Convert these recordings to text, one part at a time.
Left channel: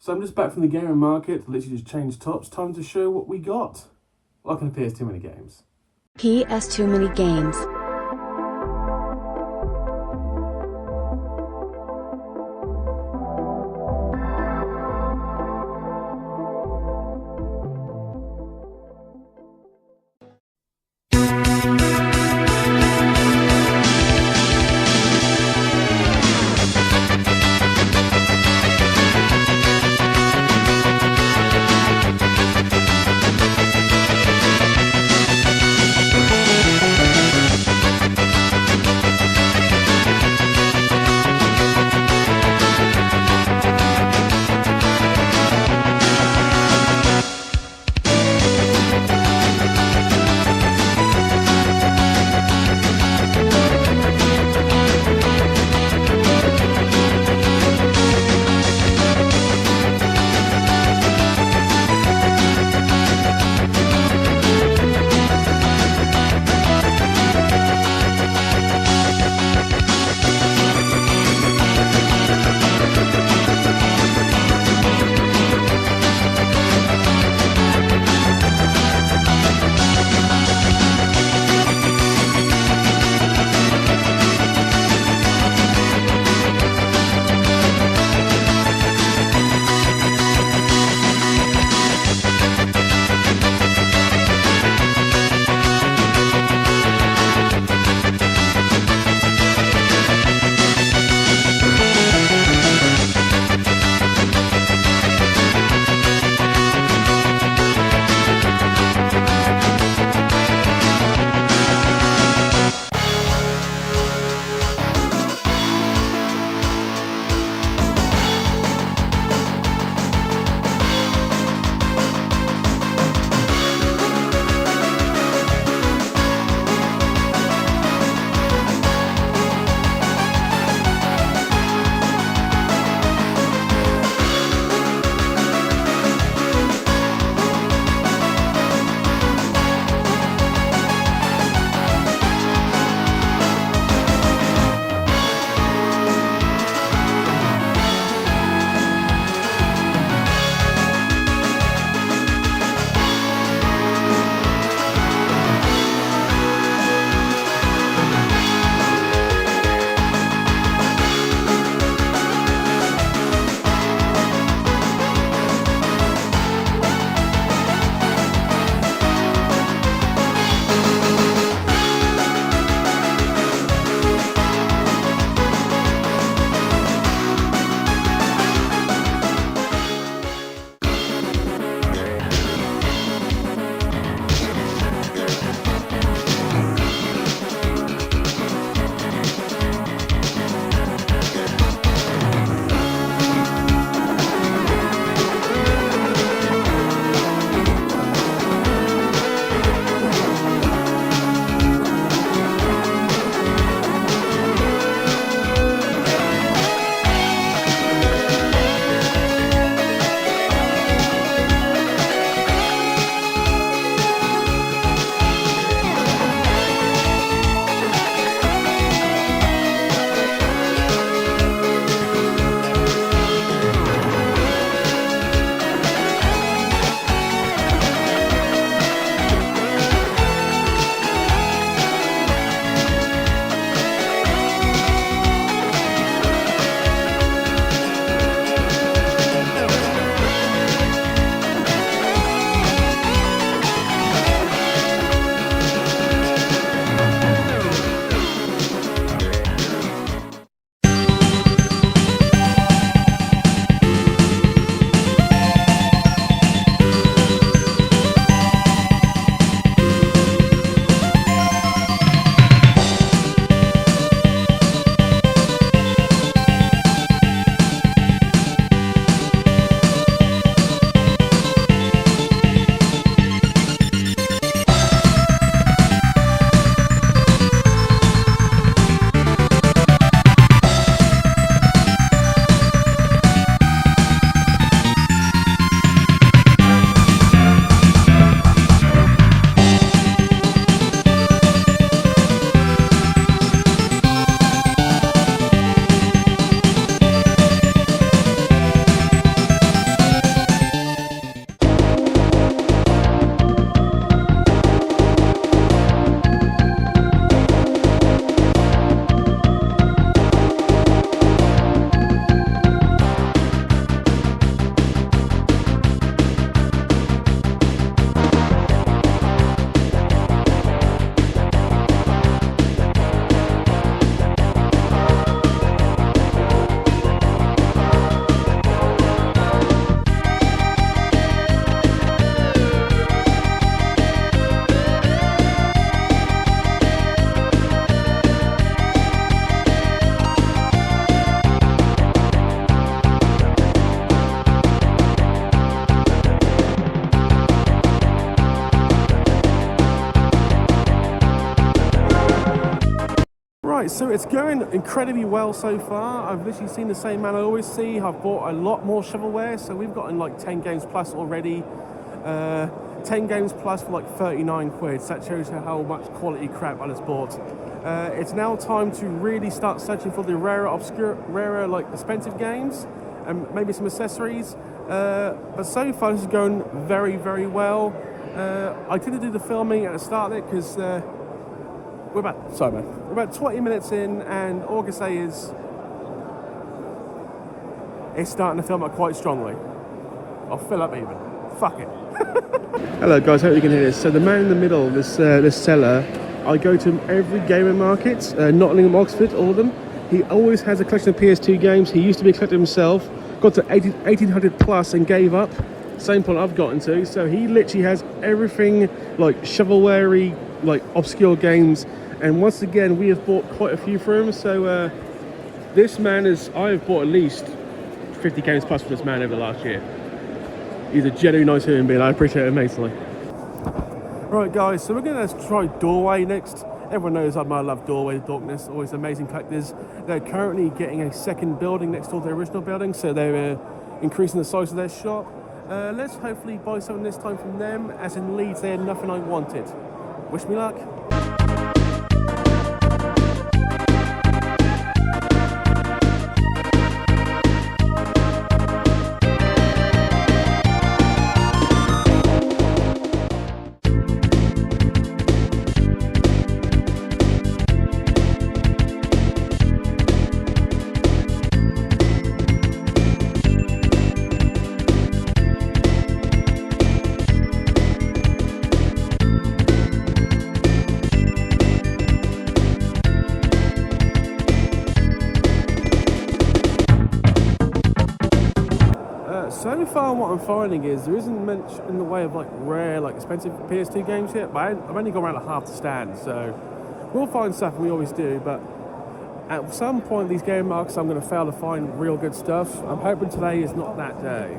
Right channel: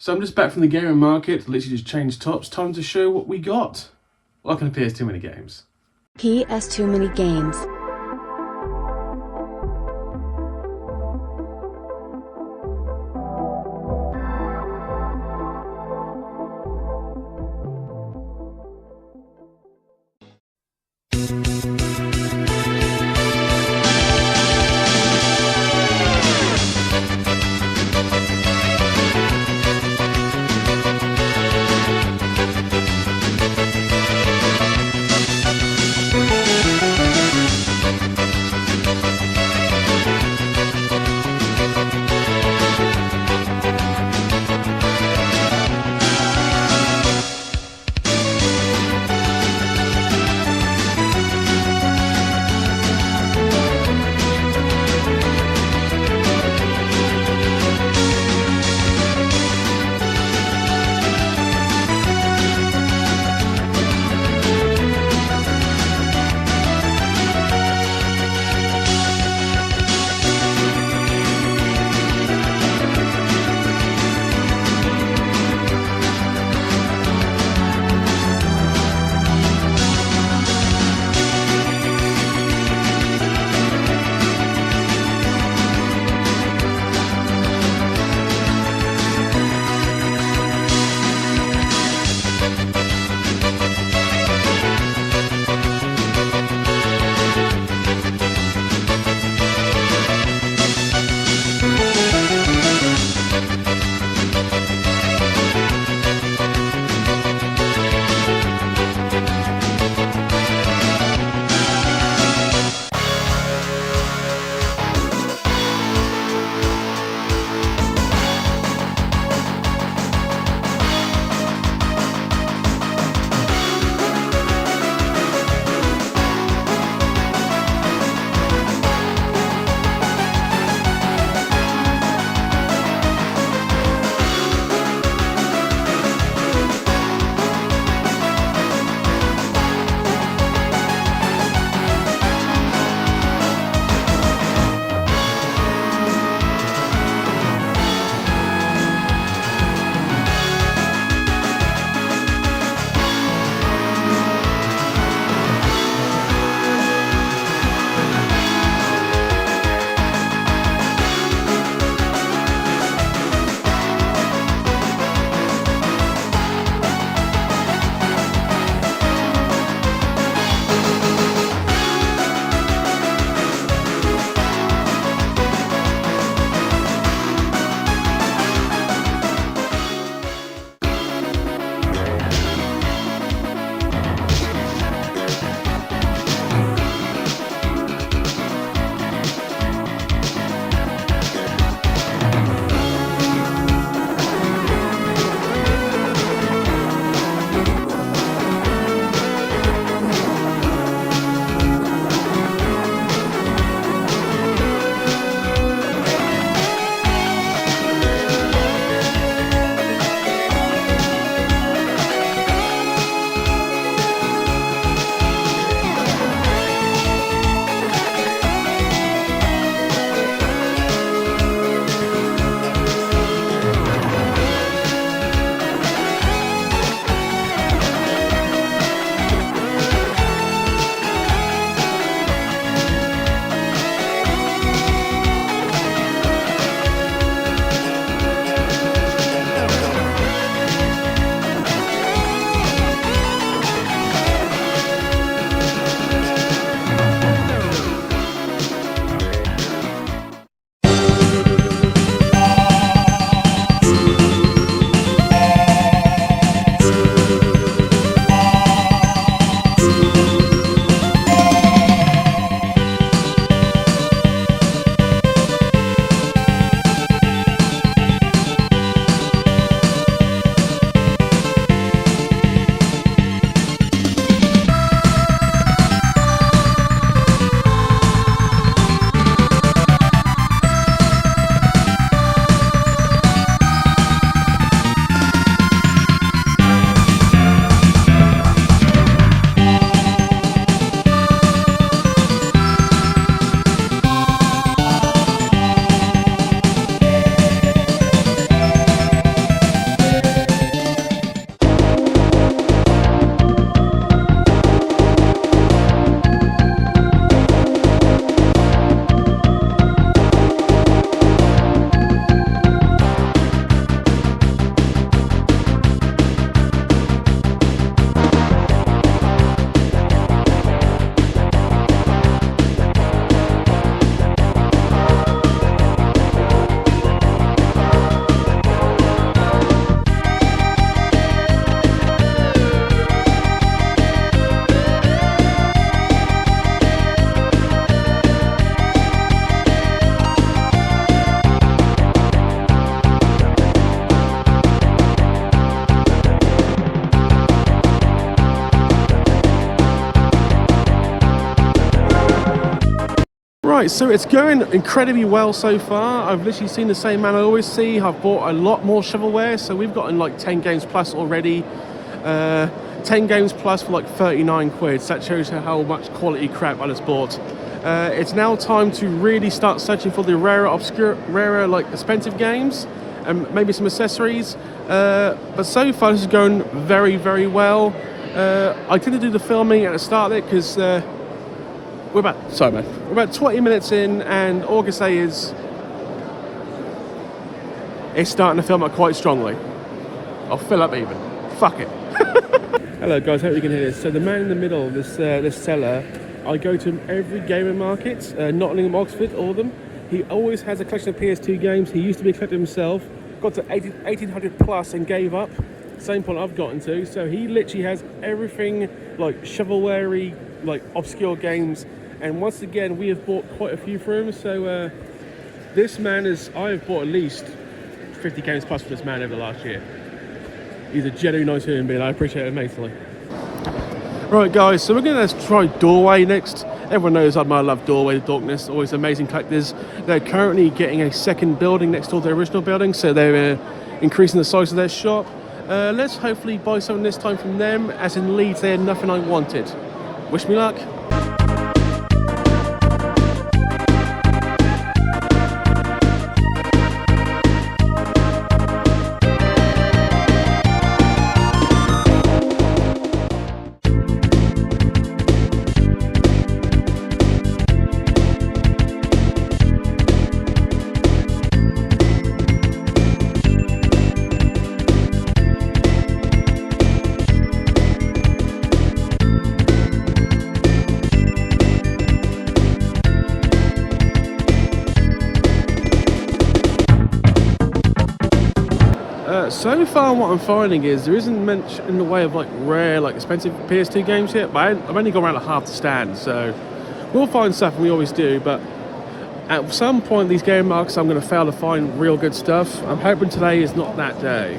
So I'm just back from the gaming market, literally just changed tops, time to show what we got. Welcome to PS Too Many Games. PS Too Many Games. Right, so it's going incredibly well so far. I've literally seen the same man I always see. I've bought a lot more shovelware, so we've gotten like 10 games plus already. 10 games plus for like 39 quid, so that shows you how much quality crap I just bought. It's now time to really start searching for the rarer like expensive games and maybe some accessories. But so far this is going very, very well. I tend to do the filming at the start of it because we're about 20 minutes in, and all I can say is it's starting to film up quite strongly. I'll fill up even. Fuck it. Hello guys, hope you can hear this. So the man in the middle, this seller, I go to him every gaming market, Nottingham, Oxford, all of them. He always has a collection of PS2 games. He used to be a collector himself, got to 1800 plus and gave up. Same point I've gotten to. So he literally has everything like shovelware-y, like obscure games. And once again, we have bought quite a few for him. So this man I've bought at least 50 games plus for this man over the last year. He's a genuinely nice human being. I appreciate it immensely. Right guys, so we're going to try Doorway next. Everyone knows I love Doorway, the Darkness, always amazing collectors. They're currently getting a second building next door to their original building, so they're increasing the size of their shop. Let's hopefully buy something this time from them, as in Leeds they had nothing I wanted. Wish me luck. So far what I'm finding is there isn't much in the way of like rare, like expensive PS2 games yet, but I've only gone around like half the stand, so we'll find stuff, and we always do, but at some point these game markets I'm going to fail to find real good stuff. I'm hoping today is not that day.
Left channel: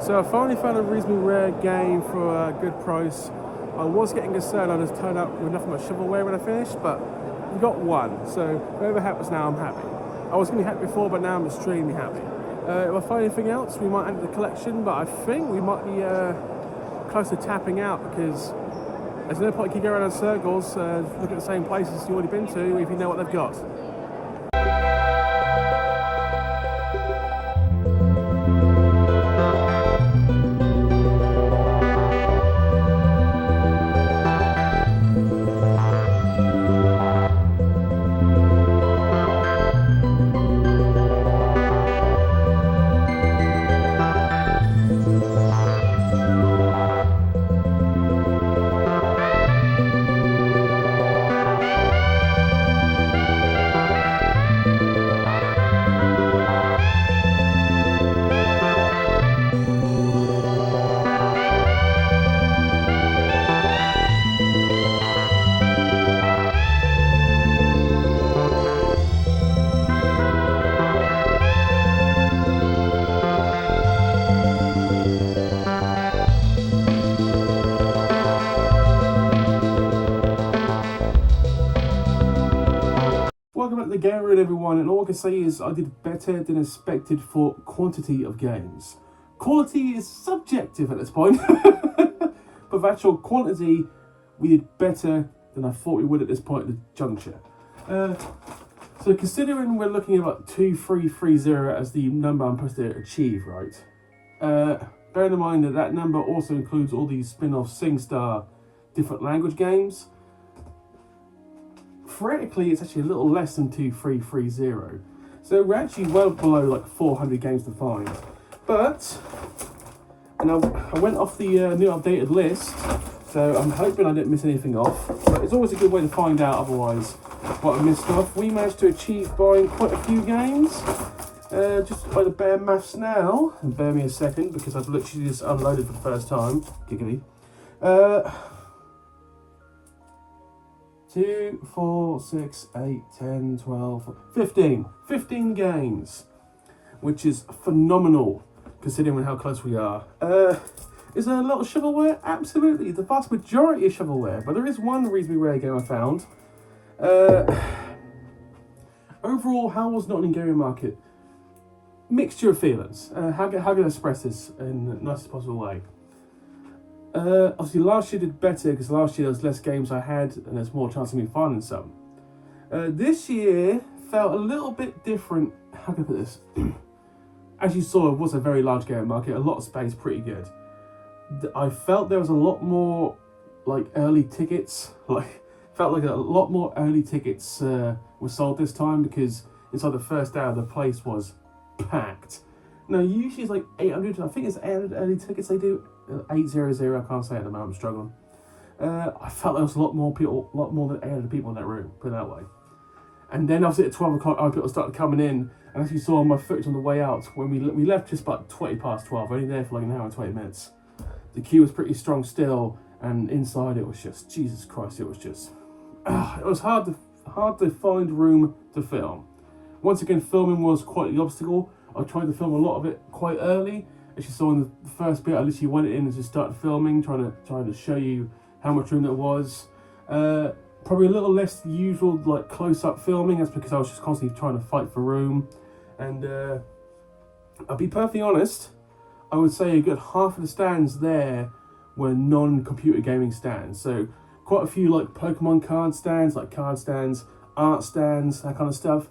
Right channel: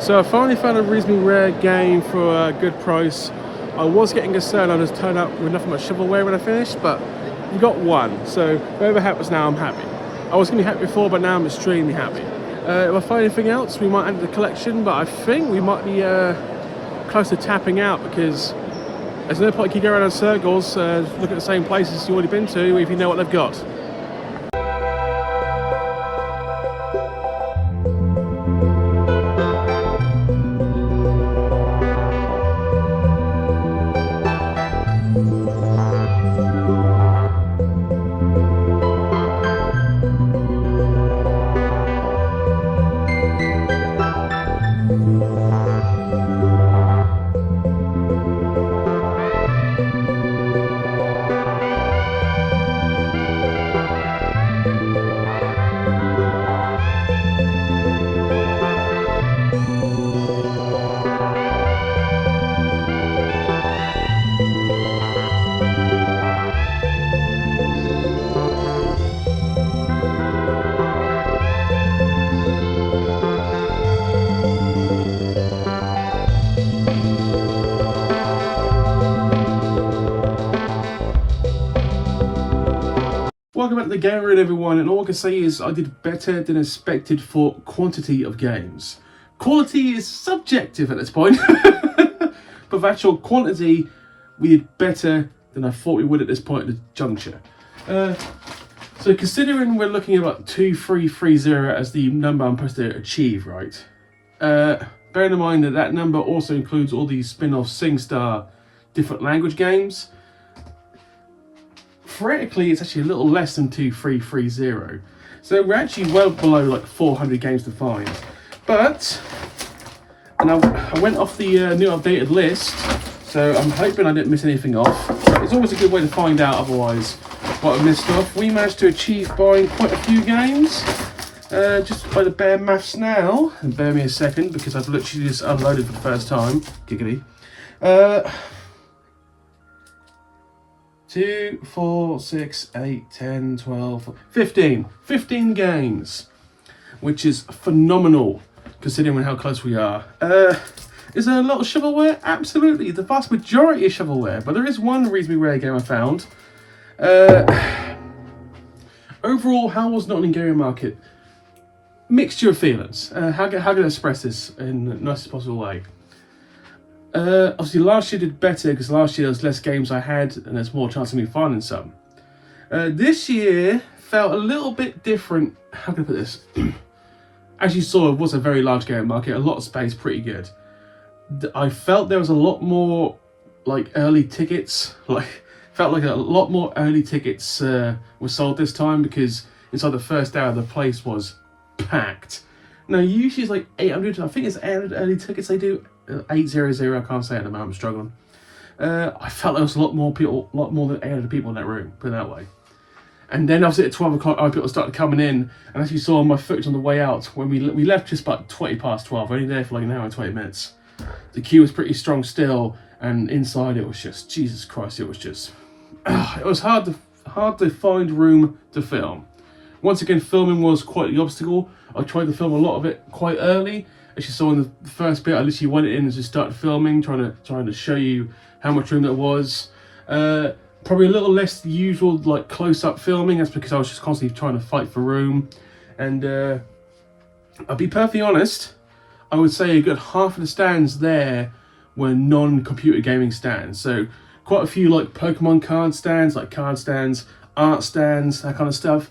So I finally found a reasonably rare game for a good price. I was getting concerned I just turned up with nothing but shovelware when I finished, but we got one. So whatever happens now, I'm happy. I was going to be happy before, but now I'm extremely happy. If I find anything else, we might add to the collection, but I think we might be close to tapping out, because there's no point keep going around in circles, look at the same places you've already been to if you know what they've got. Welcome back to the Game Room, everyone, and all I can say is I did better than expected for quantity of games. Quality is subjective at this point, but for actual quantity, we did better than I thought we would at this point at the juncture. So considering we're looking at about 2330 as the number I'm supposed to achieve, right? Bearing in mind that that number also includes all these spin-off SingStar different language games, theoretically it's actually a little less than 2330. So we're actually well below like 400 games to find. But, and I went off the new updated list, so I'm hoping I didn't miss anything off. So it's always a good way to find out otherwise what I missed off. We managed to achieve buying quite a few games. Just by the bare maths now, and bear me a second because I've literally just unloaded for the first time. Giggity. 2, 4, 6, 8, 10, 12, 15. 15 games, which is phenomenal considering how close we are. Is there a lot of shovelware? Absolutely, the vast majority is shovelware, but there is one reasonably rare game I found. Overall, how was Nottingham Gaming Market? Mixture of feelings. How can I express this in the nicest possible way? Obviously last year did better because last year there was less games I had and there's more chance of me finding some. This year felt a little bit different. How can I put this? As you saw, it was a very large game market, a lot of space, pretty good. I felt there was a lot more like early tickets, felt like a lot more early tickets were sold this time because inside the first hour the place was packed. Now usually it's like 800, I think it's 800 early tickets they do. 800, I can't say it at the moment, I'm struggling. I felt there was a lot more than 800 people in that room, put it that way. And then obviously at 12 o'clock, people started coming in, and as you saw on my footage on the way out, when we left just about 20 past 12, only there for like an hour and 20 minutes. The queue was pretty strong still, and inside it was just, Jesus Christ, it was just, it was hard to find room to film. Once again, filming was quite the obstacle. I tried to film a lot of it quite early. As you saw in the first bit, I literally went in and just started filming, trying to show you how much room there was. Probably a little less than usual, like close-up filming. That's because I was just constantly trying to fight for room. And I'll be perfectly honest, I would say a good half of the stands there were non-computer gaming stands. So quite a few like Pokemon card stands, like card stands, art stands, that kind of stuff.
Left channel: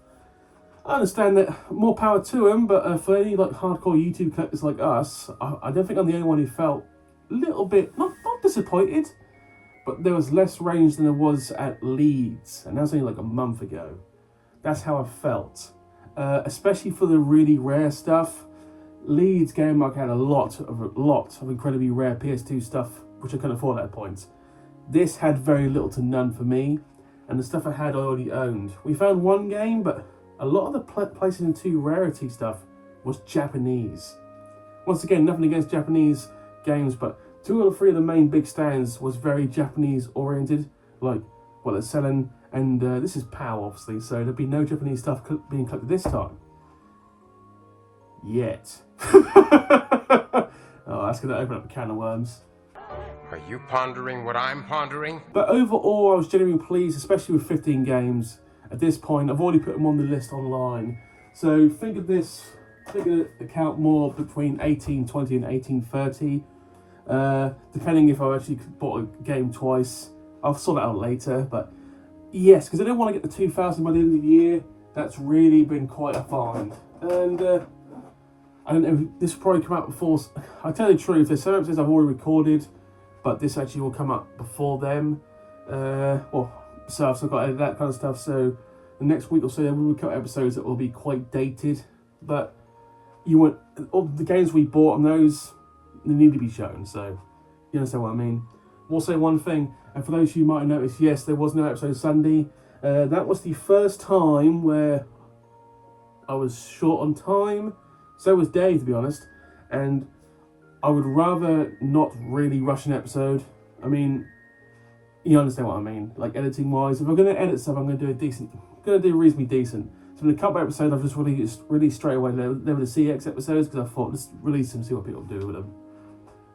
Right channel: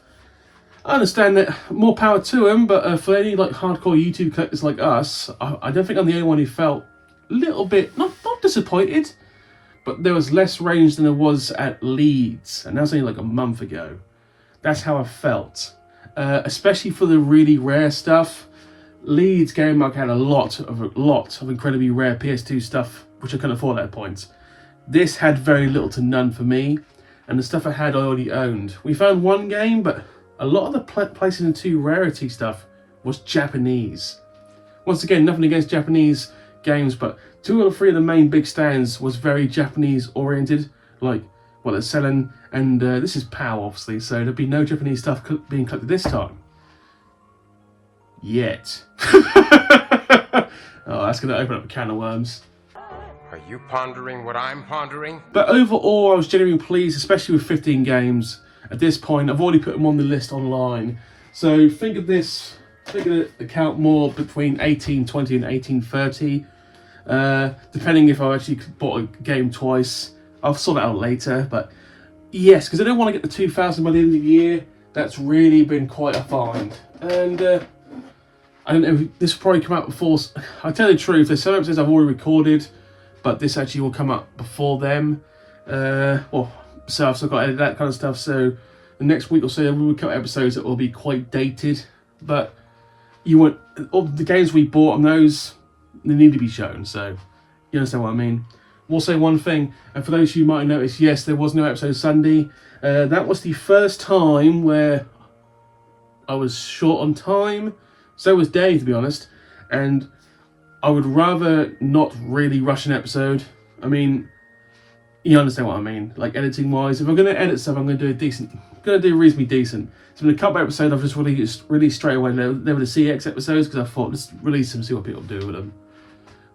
I understand that, more power to them, but for any like hardcore YouTube collectors like us, I don't think I'm the only one who felt a little bit, not disappointed, but there was less range than there was at Leeds, and that was only like a month ago. That's how I felt. Especially for the really rare stuff. Leeds Gaming Market had a lot of incredibly rare PS2 stuff, which I couldn't afford at that point. This had very little to none for me, and the stuff I had I already owned. We found one game, but a lot of the PlayStation 2 rarity stuff was Japanese. Once again, nothing against Japanese games, but 2 or 3 of the main big stands was very Japanese oriented, like what they're selling, and this is PAL obviously, so there'll be no Japanese stuff being collected this time. Yet. Oh, that's going to open up a can of worms. Are you pondering what I'm pondering? But overall, I was genuinely pleased, especially with 15 games. At this point, I've already put them on the list online. So think of this, think of the count more between 1820 and 1830. Depending if I actually bought a game twice. I'll sort that out later, but yes, because I don't want to get the 2000 by the end of the year. That's really been quite a find. And I don't know, this will probably come out before, I'll tell you the truth, there's some episodes I've already recorded, but this actually will come up before them. So I've still got to edit that kind of stuff, so the next week or so we will cut episodes that will be quite dated, but you want all the games we bought on those, they need to be shown, so you understand what I mean. We'll say one thing, and for those who might notice, yes, there was no episode Sunday. That was the first time where I was short on time, so was Dave, to be honest, and I would rather not really rush an episode. I mean, you understand what I mean, like editing wise. If I'm going to edit stuff, I'm going to do reasonably decent. So in a couple episodes, I've just released straight away. They were the CX episodes because I thought, let's release them, see what people do with them.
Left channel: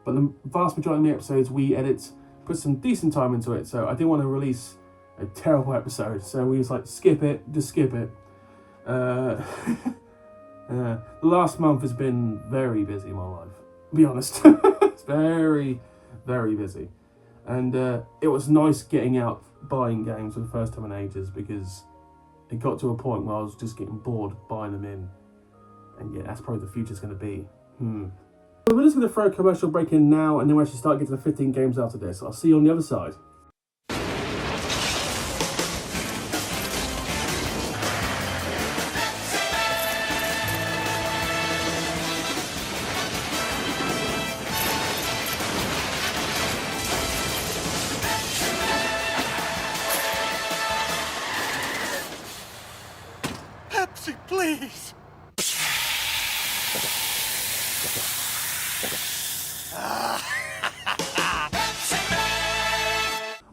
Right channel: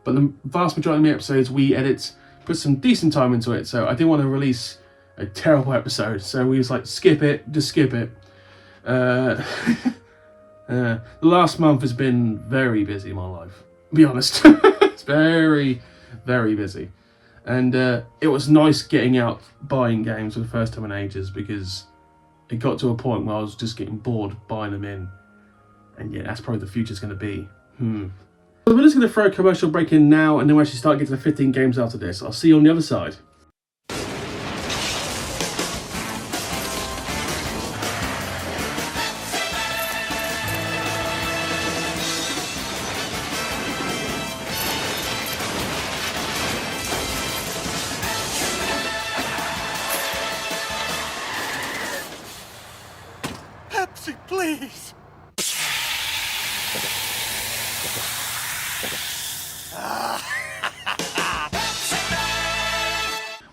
But the vast majority of my episodes, we edit, put some decent time into it. So I didn't want to release a terrible episode. So we was like, skip it, just skip it. The last month has been very busy in my life, to be honest. It's very, very busy. And it was nice getting out buying games for the first time in ages, because it got to a point where I was just getting bored buying them in. And yeah, that's probably the future's going to be. So we're just going to throw a commercial break in now, and then we'll actually start getting to the 15 games after this. I'll see you on the other side. Pepsi, please!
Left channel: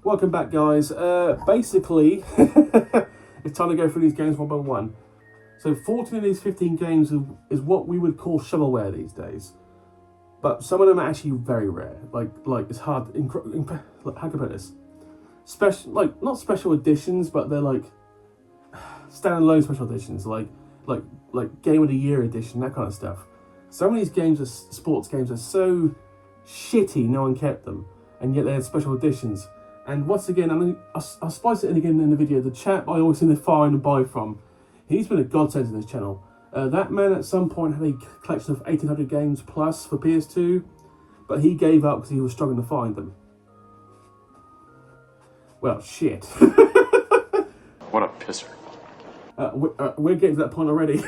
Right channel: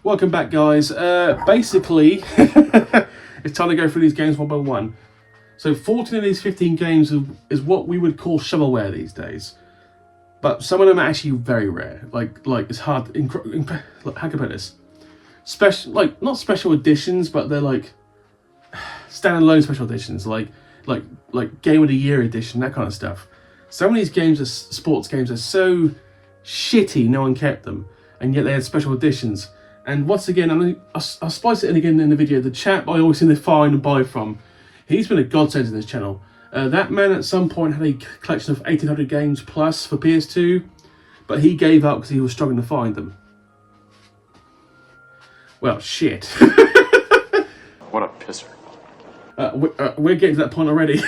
Welcome back, guys. Basically, it's time to go through these games one by one. So 14 of these 15 games is what we would call shovelware these days. But some of them are actually very rare. Like it's hard. How can I put this? Special, like not special editions, but they're like standalone special editions, like Game of the Year edition, that kind of stuff. Some of these games, are sports games, are so shitty, no one kept them, and yet they had special editions. And once again, I'll spice it in again in the video. The chap I always seem to find and buy from, he's been a godsend to this channel. That man at some point had a collection of 1800 games plus for PS2, but he gave up because he was struggling to find them. Well, shit. What a pisser. We're getting to that point already.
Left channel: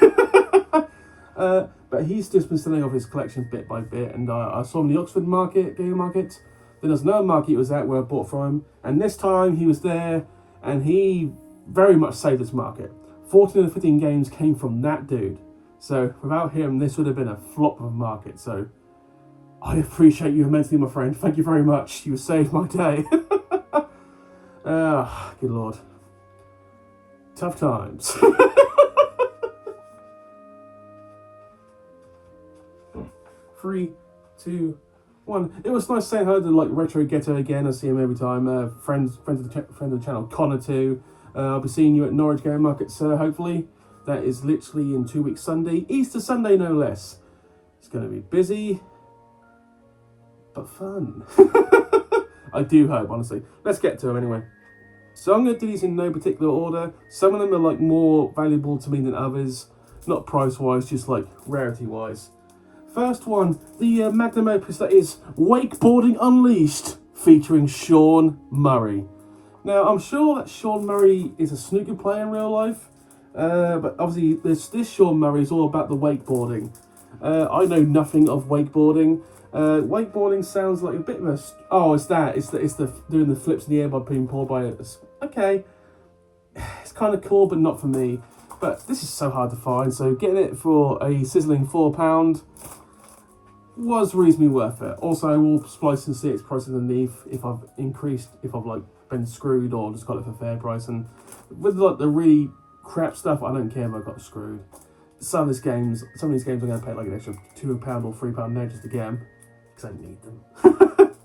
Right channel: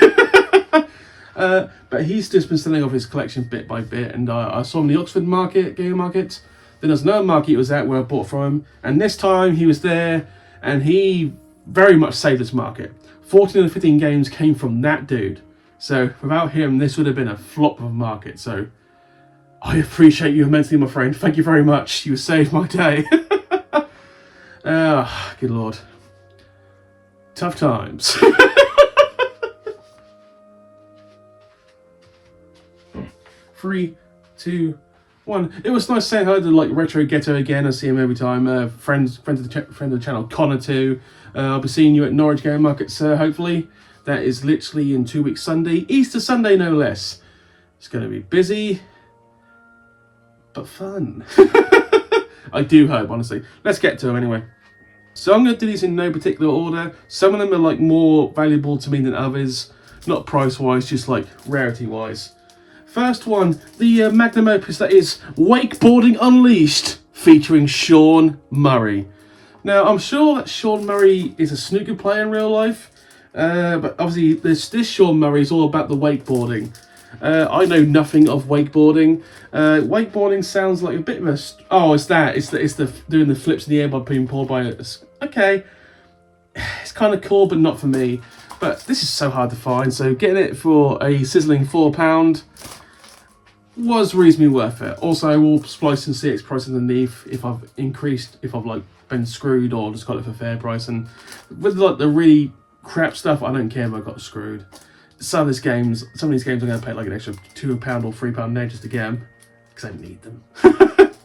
But he's just been selling off his collection bit by bit, and I saw him in the Oxford Gaming Market. Then there's another market he was at where I bought from him, and this time he was there, and he very much saved this market. 14 of the 15 games came from that dude. So without him, this would have been a flop of a market. So I appreciate you immensely, my friend. Thank you very much. You saved my day. Good lord. Tough times. 3, 2, 1. It was nice saying hello to like Retro Ghetto again. I see him every time. Friend of the channel, Connor too. I'll be seeing you at Norwich Gaming Market, sir. Hopefully, that is literally in 2 weeks Sunday, Easter Sunday, no less. It's going to be busy, but fun. I do hope, honestly. Let's get to them anyway. So I'm going to do these in no particular order. Some of them are like more valuable to me than others. Not price-wise, just like rarity-wise. First one, the magnum opus that is Wakeboarding Unleashed, featuring Sean Murray. Now, I'm sure that Sean Murray is a snooker player in real life, but obviously this Sean Murray is all about the wakeboarding. I know nothing of wakeboarding. Wakeboarding sounds like a bit of a... Oh, it's that. It's the doing the flips in the air by being pulled by a... Okay. It's kind of cool, but not for me. But this is so hard to find, so getting it for a sizzling £4 was reasonably worth it. Also, I will splice in CX price underneath if I've like been screwed or just got it for fair price. And with like the really crap stuff, I don't care if I got screwed. Some of these games I'm going to pay like an extra £2 or £3 net just to get them, because I need them.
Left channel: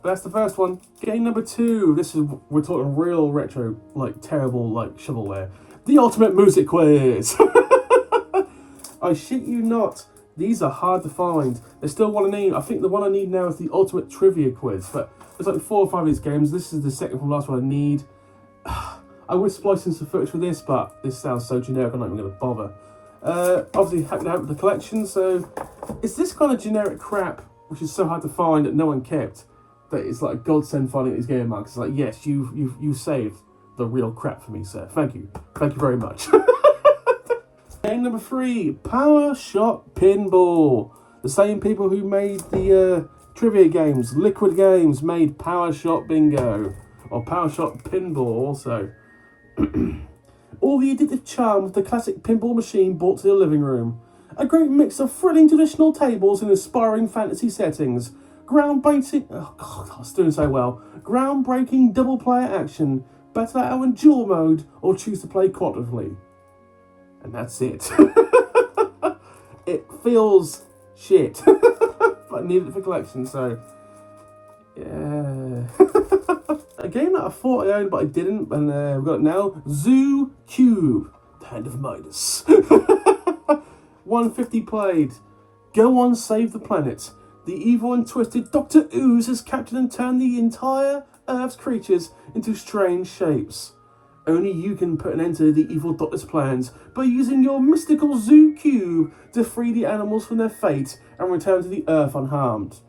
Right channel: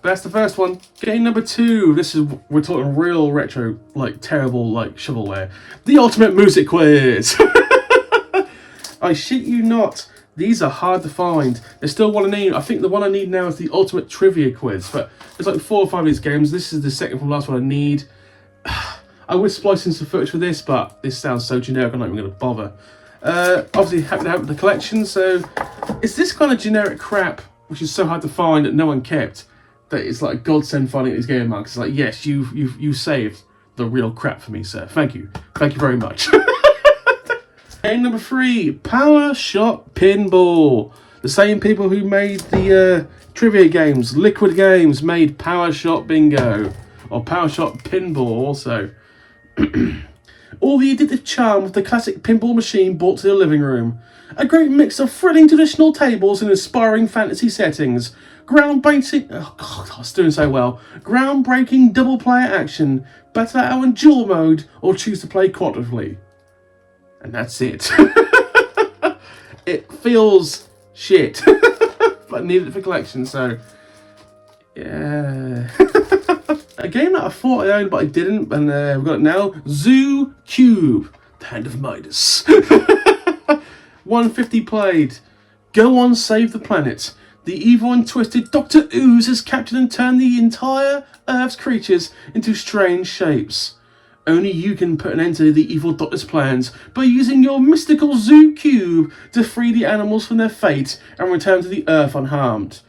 That's the first one. Game number 2. We're talking real retro, like terrible, like shovelware. The Ultimate Music Quiz. I shit you not. These are hard to find. There's still one I need. I think the one I need now is the Ultimate Trivia Quiz. But there's like 4 or 5 of these games. This is the second from last one I need. I would splice in some footage for this, but this sounds so generic I'm not even going to bother. Obviously, happy to have the collection. So it's this kind of generic crap, which is so hard to find that no one kept, that it's like a godsend finding these game marks. It's like, yes, you saved the real crap for me, sir. Thank you very much. Game number 3, Power Shot Pinball. The same people who made the trivia games, Liquid Games, made Power Shot Bingo, or Power Shot Pinball also. All the addictive charm of the classic pinball machine brought to the living room. A great mix of thrilling traditional tables and inspiring fantasy settings. Groundbreaking, oh god, I was doing so well. Groundbreaking double player action. Battle it out in dual mode or choose to play cooperatively. And that's it. It feels shit, but I needed it for collection, so yeah. A game that I thought I owned but I didn't, and we've got it now. Zoo Cube, the Hand of Midas. 150 played. Go on, save the planet. The evil and twisted Dr. Ooze has captured and turned the entire Earth's creatures into strange shapes. Only you can put an end to the evil Doctor's plans by using your mystical Zoo Cube to free the animals from their fate and return to the Earth unharmed.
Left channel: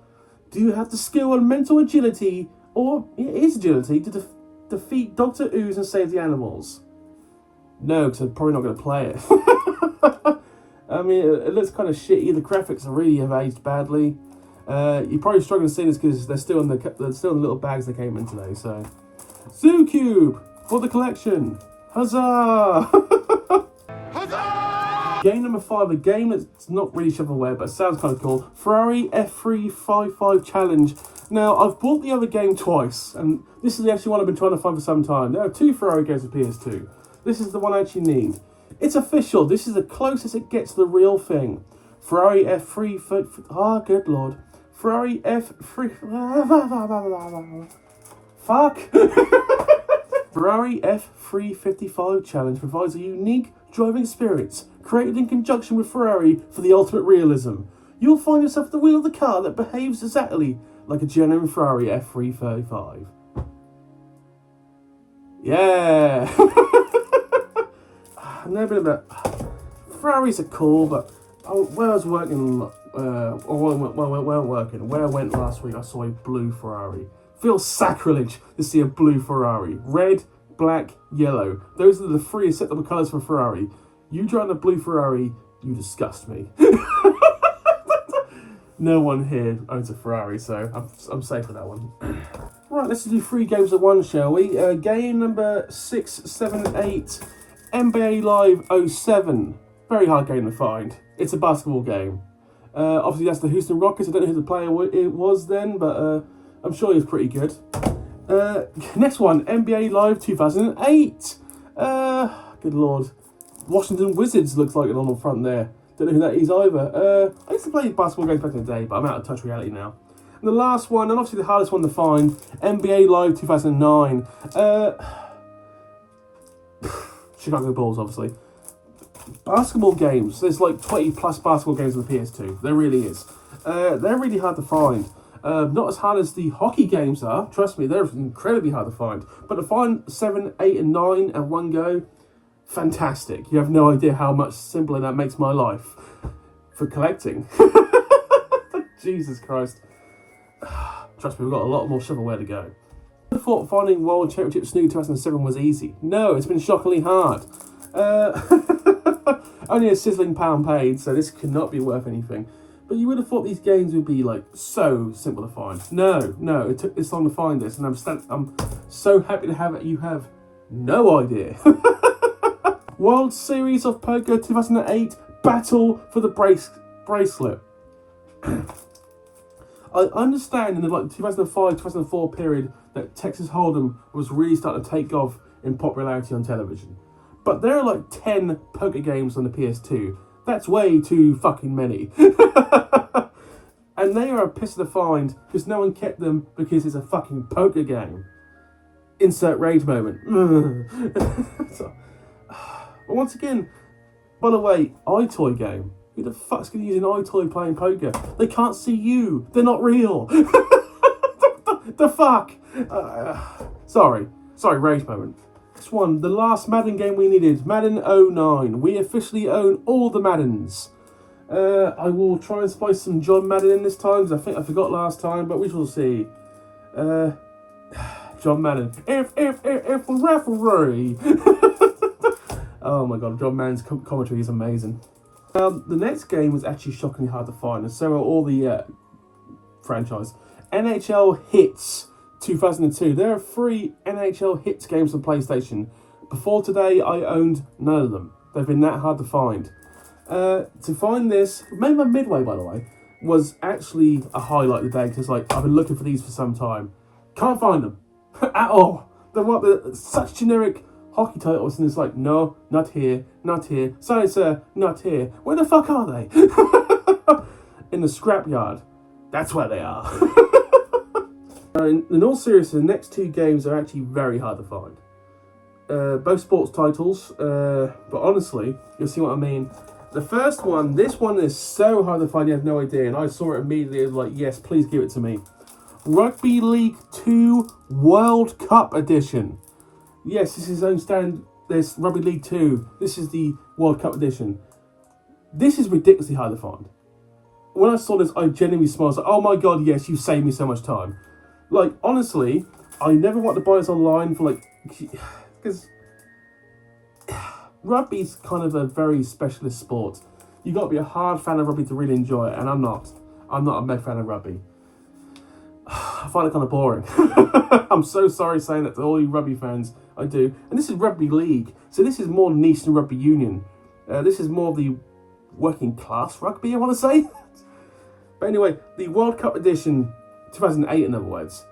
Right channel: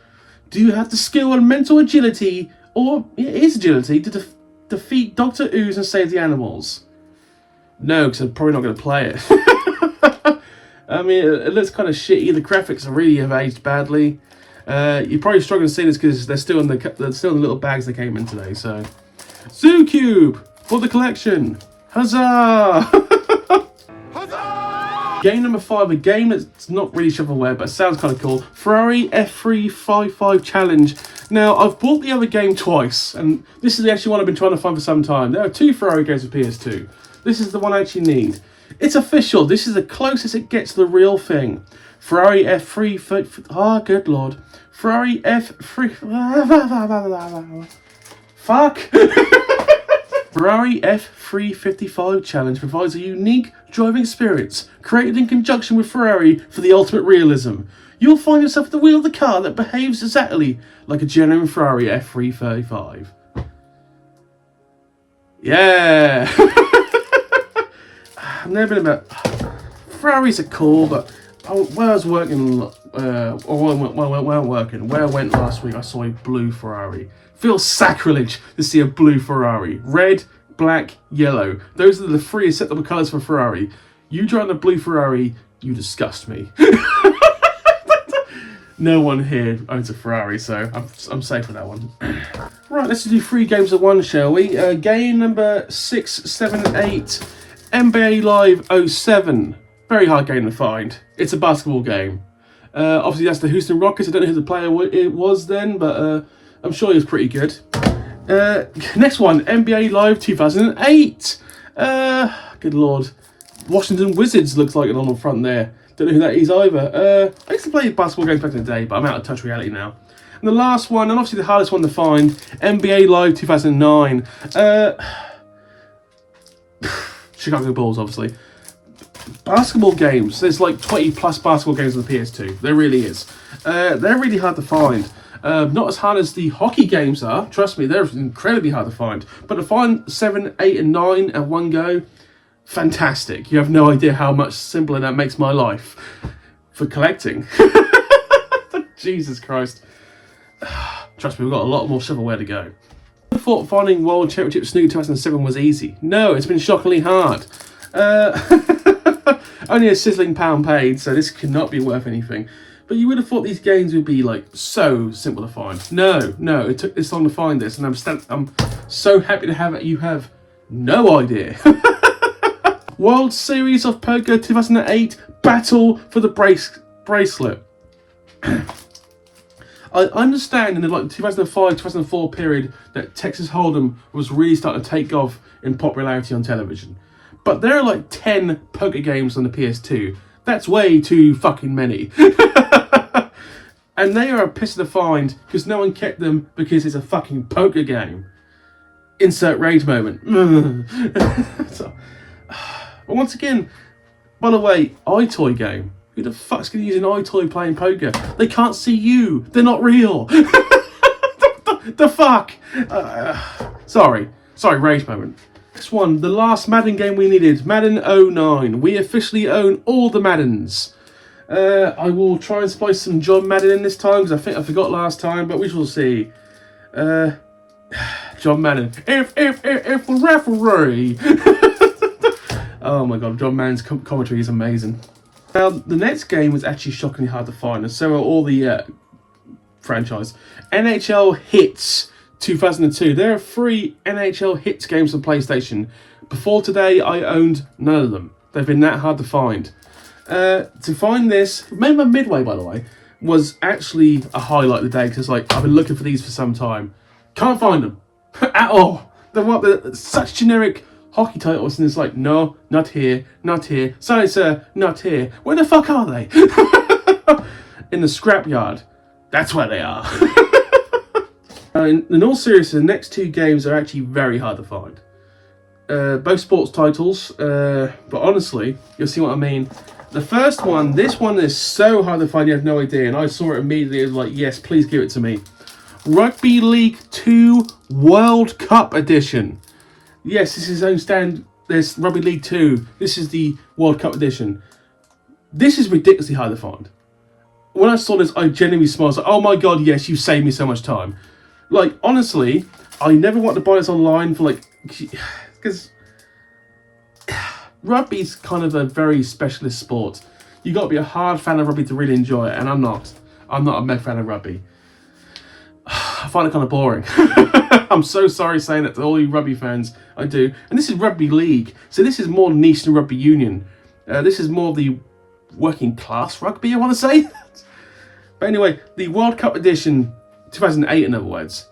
Do you have the skill and mental agility, or it is agility, to defeat Dr. Ooze and save the animals? No, because I'm probably not going to play it. I mean, it looks kind of shitty. The graphics really have aged badly. You're probably struggling to see this because they're still in the little bags they came in today. So, Zoo Cube for the collection. Huzzah! Huzzah! Game number 5, a game that's not really shovelware, but it sounds kind of cool. Ferrari F355 Challenge. Now, I've bought the other game twice, and this is actually one I've been trying to find for some time. There are 2 Ferrari games for PS2. This is the one I actually need. It's official. This is the closest it gets to the real thing. Ferrari F3... Oh, good lord. Ferrari F3... Fuck! Ferrari F355 Challenge provides a unique driving experience created in conjunction with Ferrari for the ultimate realism. You'll find yourself at the wheel of the car that behaves exactly like a genuine Ferrari F335. Yeah! I've never been about... Ferraris are cool, but where I was working, where I went last week, I saw a blue Ferrari. Feels sacrilege to see a blue Ferrari. Red, black, yellow. Those are the 3 acceptable colours for Ferrari. You drive a blue Ferrari, you disgust me. No one here owns a Ferrari, so I'm safe with that one. Right, let's do 3 games at once, shall we? Game number 6, 7, and 8. NBA Live 07. Very hard game to find. It's a basketball game. Obviously, that's the Houston Rockets. I don't know who the player it was then, but I'm sure he was pretty good. Next one, NBA Live 2008. Good lord. Washington Wizards looks like it on the front there. Don't know who that is either. I used to play basketball games back in the day, but I'm out of touch with reality now. And the last one, and obviously the hardest one to find, NBA Live 2009. Chicago Bulls, obviously. Basketball games. There's like 20 plus basketball games on the PS2. There really is. They're really hard to find. Not as hard as the hockey games are. Trust me, they're incredibly hard to find. But to find 7, 8, and 9 at one go, fantastic. You have no idea how much simpler that makes my life for collecting. Jesus Christ. Trust me, we've got a lot more shovelware to go. I thought finding World Championship Snooker 2007 was easy. No, it's been shockingly hard. Only a sizzling £1 paid, so this could not be worth anything. But you would have thought these games would be like so simple to find. No, it took this long to find this, and I'm so happy to have it. You have no idea. World Series of Poker 2008 Battle for the Bracelet. I understand in the 2005-2004 period that Texas Hold'em was really starting to take off in popularity on television. But there are like 10 poker games on the PS2. That's way too fucking many. And they are a piss to find because no one kept them because it's a fucking poker game. Insert rage moment. So, but once again, by the way, iToy game. Who the fuck's going to use an iToy playing poker? They can't see you. They're not real. The fuck? Sorry, rage moment. Next one, the last Madden game we needed. Madden 09. We officially own all the Maddens. I will try and splice some John Madden in this time because I think I forgot last time, but we shall see. John Madden. If the referee. Oh my god, John Madden's commentary is amazing. Now, the next game was actually shockingly hard to find, and so are all the franchise. NHL Hits 2002. There are 3 NHL Hits games on PlayStation. Before today, I owned none of them. They've been that hard to find. To find this, made by Midway, by the way, was actually a highlight of the day because like I've been looking for these for some time. Can't find them at all. They're such generic hockey titles, and it's like, no, not here, sorry sir, not here. Where the fuck are they? In the scrapyard. That's where they are. In all seriousness, the next two games are actually very hard to find. Both sports titles, but honestly, you'll see what I mean. The first one, this one is so hard to find, you have no idea, and I saw it immediately, I was like, yes, please give it to me. Rugby League 2 World Cup Edition. Yes, this is its own stand. There's Rugby League 2. This is the World Cup Edition. This is ridiculously hard to find. When I saw this, I genuinely smiled. I was like, oh my god, yes, you saved me so much time. Like, honestly, I never want to buy this online for, like, because rugby's kind of a very specialist sport. You got to be a hard fan of rugby to really enjoy it, and I'm not. I'm not a mega fan of rugby. I find it kind of boring. I'm so sorry saying that to all you rugby fans. I do. And this is Rugby League, so this is more niche than Rugby Union. This is more of the working class rugby, I want to say. But anyway, the World Cup Edition, 2008 in other words.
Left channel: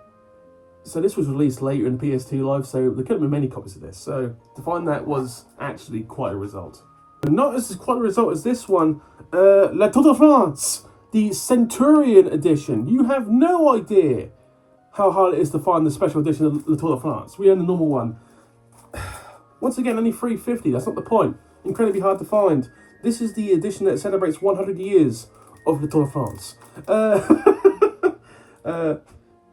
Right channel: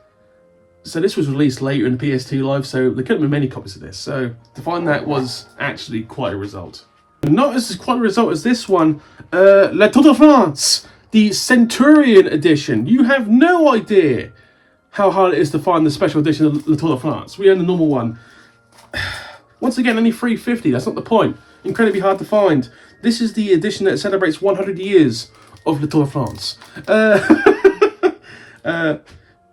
So this was released later in the PS2 Live, so there couldn't be many copies of this. So to find that was actually quite a result. Not as quite a result as this one, Le Tour de France, the Centurion Edition. You have no idea how hard it is to find the special edition of Le Tour de France. We own the normal one. Once again, only $3.50, that's not the point. Incredibly hard to find. This is the edition that celebrates 100 years of Le Tour de France.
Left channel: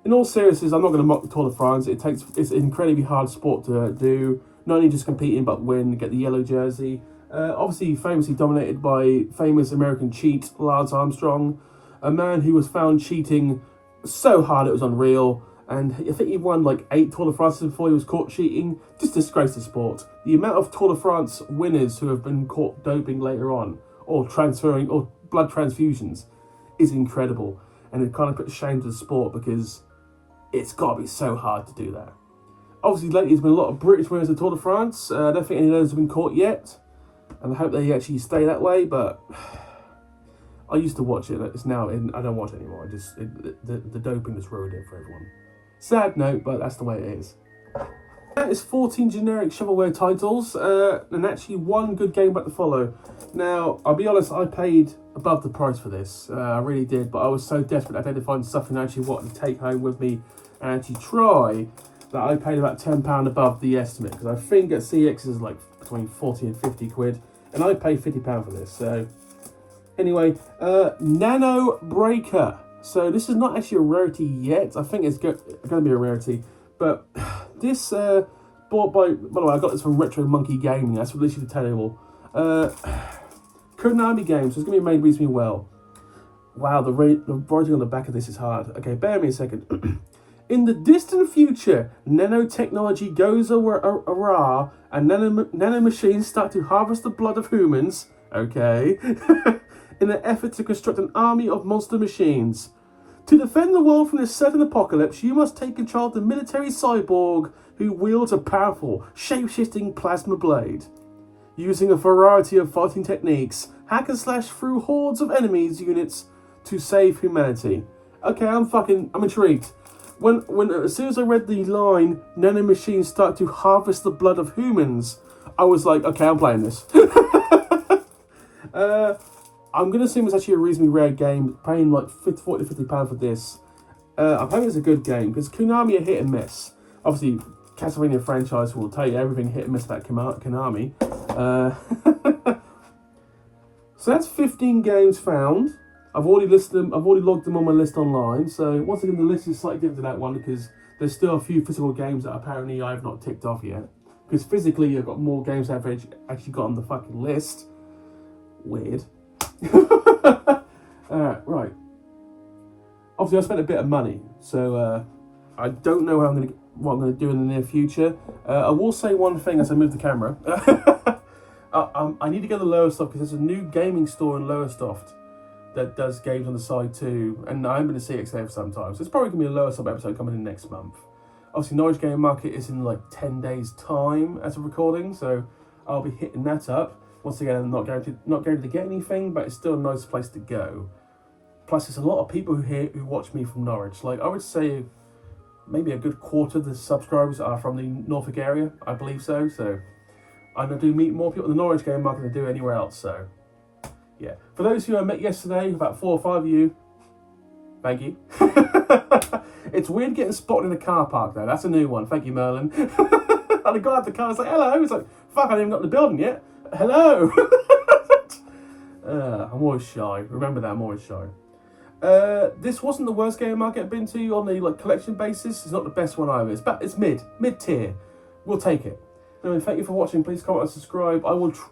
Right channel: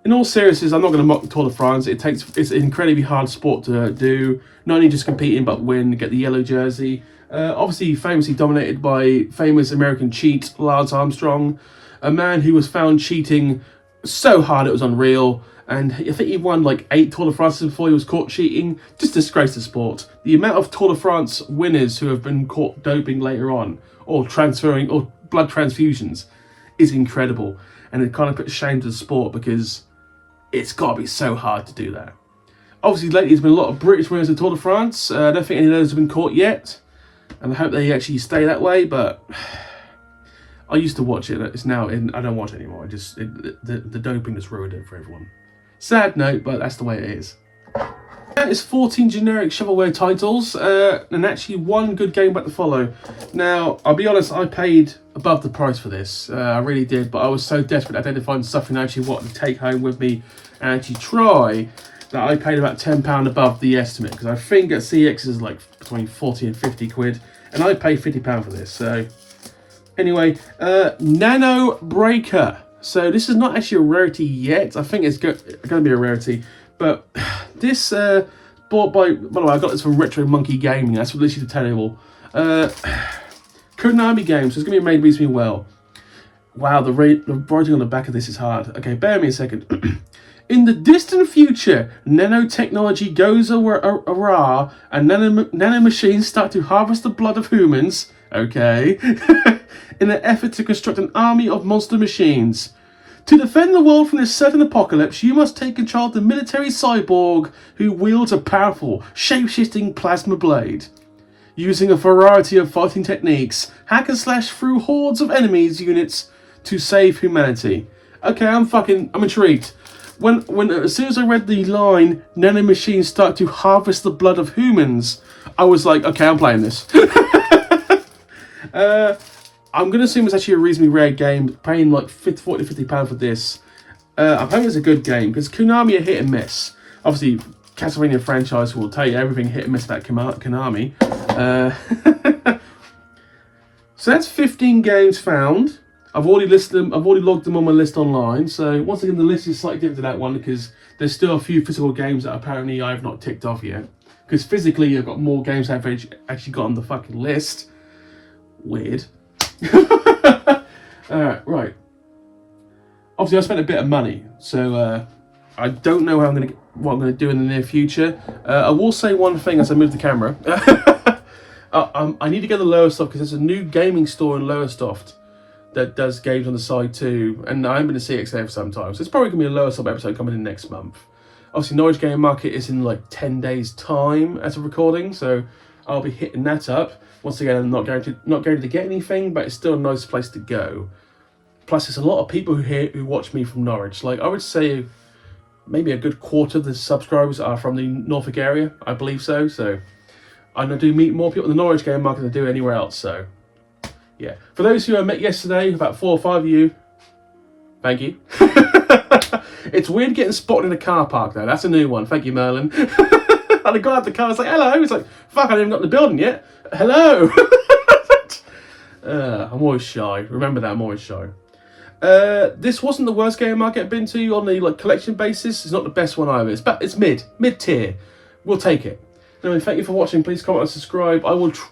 In all seriousness, I'm not going to mock the Tour de France. It's an incredibly hard sport to do. Not only just competing, but win, get the yellow jersey. Obviously, famously dominated by famous American cheat Lance Armstrong, a man who was found cheating so hard it was unreal. And I think he won like 8 Tour de France before he was caught cheating. Just disgraced the sport. The amount of Tour de France winners who have been caught doping later on, or transferring, or blood transfusions, is incredible. And it kind of puts shame to the sport because it's got to be so hard to do that. Obviously, lately there's been a lot of British winners of Tour de France. I don't think any of those have been caught yet. And I hope they actually stay that way, but I used to watch it. It's now, I don't watch it anymore. The doping just ruined it for everyone. Sad note, but that's the way it is. That is 14 generic shovelware titles, and actually one good game back to follow. Now, I'll be honest, I paid above the price for this. I really did, but I was so desperate I had to find something I actually wanted to take home with me and actually try, that I paid about £10 above the estimate, because I think at CX is like between 40 and 50 quid, and I paid £50 for this. So anyway, Nano Breaker. So this is not actually a rarity yet. I think it's going to be a rarity, but this bought by the way, I got this from Retro Monkey Gaming. That's literally the table. Konami games. So it's going to be made reasonably well. Wow, the writing on the back of this is hard. Okay, bear with me a second. In the distant future, nanotechnology goes awry, and nano machines start to harvest the blood of humans. Okay. In an effort to construct an army of monster machines. To defend the world from this certain apocalypse, you must take control of the military cyborg who wields a powerful, shape-shifting plasma blade. Using a variety of fighting techniques, hack and slash through hordes of enemies units to save humanity. Okay, I'm intrigued. As soon as I read the line, nanomachines start to harvest the blood of humans, I was like, okay, I'm playing this. I'm going to assume it's actually a reasonably rare game, paying like £40 to £50 for this. I'm hoping it's a good game, because Konami are hit and miss. Obviously, Castlevania franchise will tell you everything hit and miss about Konami. So that's 15 games found. I've already listed them. I've already logged them on my list online. So once again, the list is slightly different to that one because there's still a few physical games that apparently I have not ticked off yet. Because physically, I've got more games I've actually got on the fucking list. Weird. Right. Obviously, I spent a bit of money, so I don't know what I'm gonna do in the near future. I will say one thing as I move the camera. I need to go to Lowestoft because there's a new gaming store in Lowestoft that does games on the side too, and I haven't been to CX there for some time, so it's probably gonna be a Lowestoft episode coming in next month. Obviously, Norwich Gaming Market is in like 10 days' time as of recording, so I'll be hitting that up. Once again, I'm not going to get anything, but it's still a nice place to go. Plus, there's a lot of people who watch me from Norwich. Like, I would say maybe a good quarter of the subscribers are from the Norfolk area. I believe so. So, I do meet more people in the Norwich Gaming Market than I do anywhere else. So, yeah. For those who I met yesterday, about 4 or 5 of you, thank you. It's weird getting spotted in a car park though. That's a new one. Thank you, Merlin. And the guy at the car was like, hello. He's like, fuck, I haven't even got in the building yet. Hello. I'm always shy. Remember that, I'm always shy. This wasn't the worst gaming market I've been to on the collection basis. It's not the best one either. It's mid tier. We'll take it. Anyway, thank you for watching. Please comment and subscribe.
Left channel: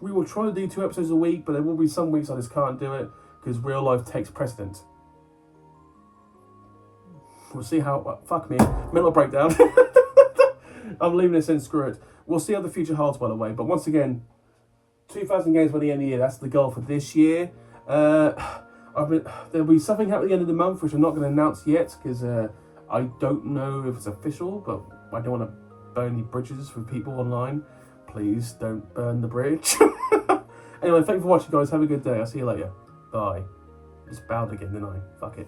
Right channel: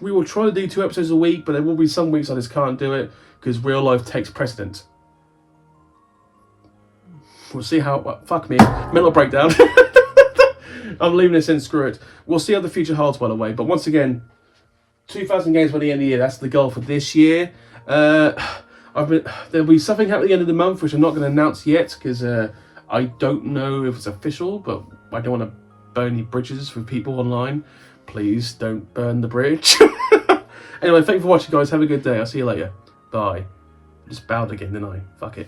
We will try to do 2 episodes a week, but there will be some weeks I just can't do it because real life takes precedent. We'll see how. Well, fuck me. Mental breakdown. I'm leaving this in. Screw it. We'll see how the future holds, by the way. But once again, 2,000 games by the end of the year. That's the goal for this year. There'll be something happening at the end of the month, which I'm not going to announce yet because I don't know if it's official. But I don't want to burn any bridges with people online. Please don't burn the bridge. Anyway, thank you for watching, guys. Have a good day. I'll see you later. Bye. Just bowed again, didn't I? Fuck it.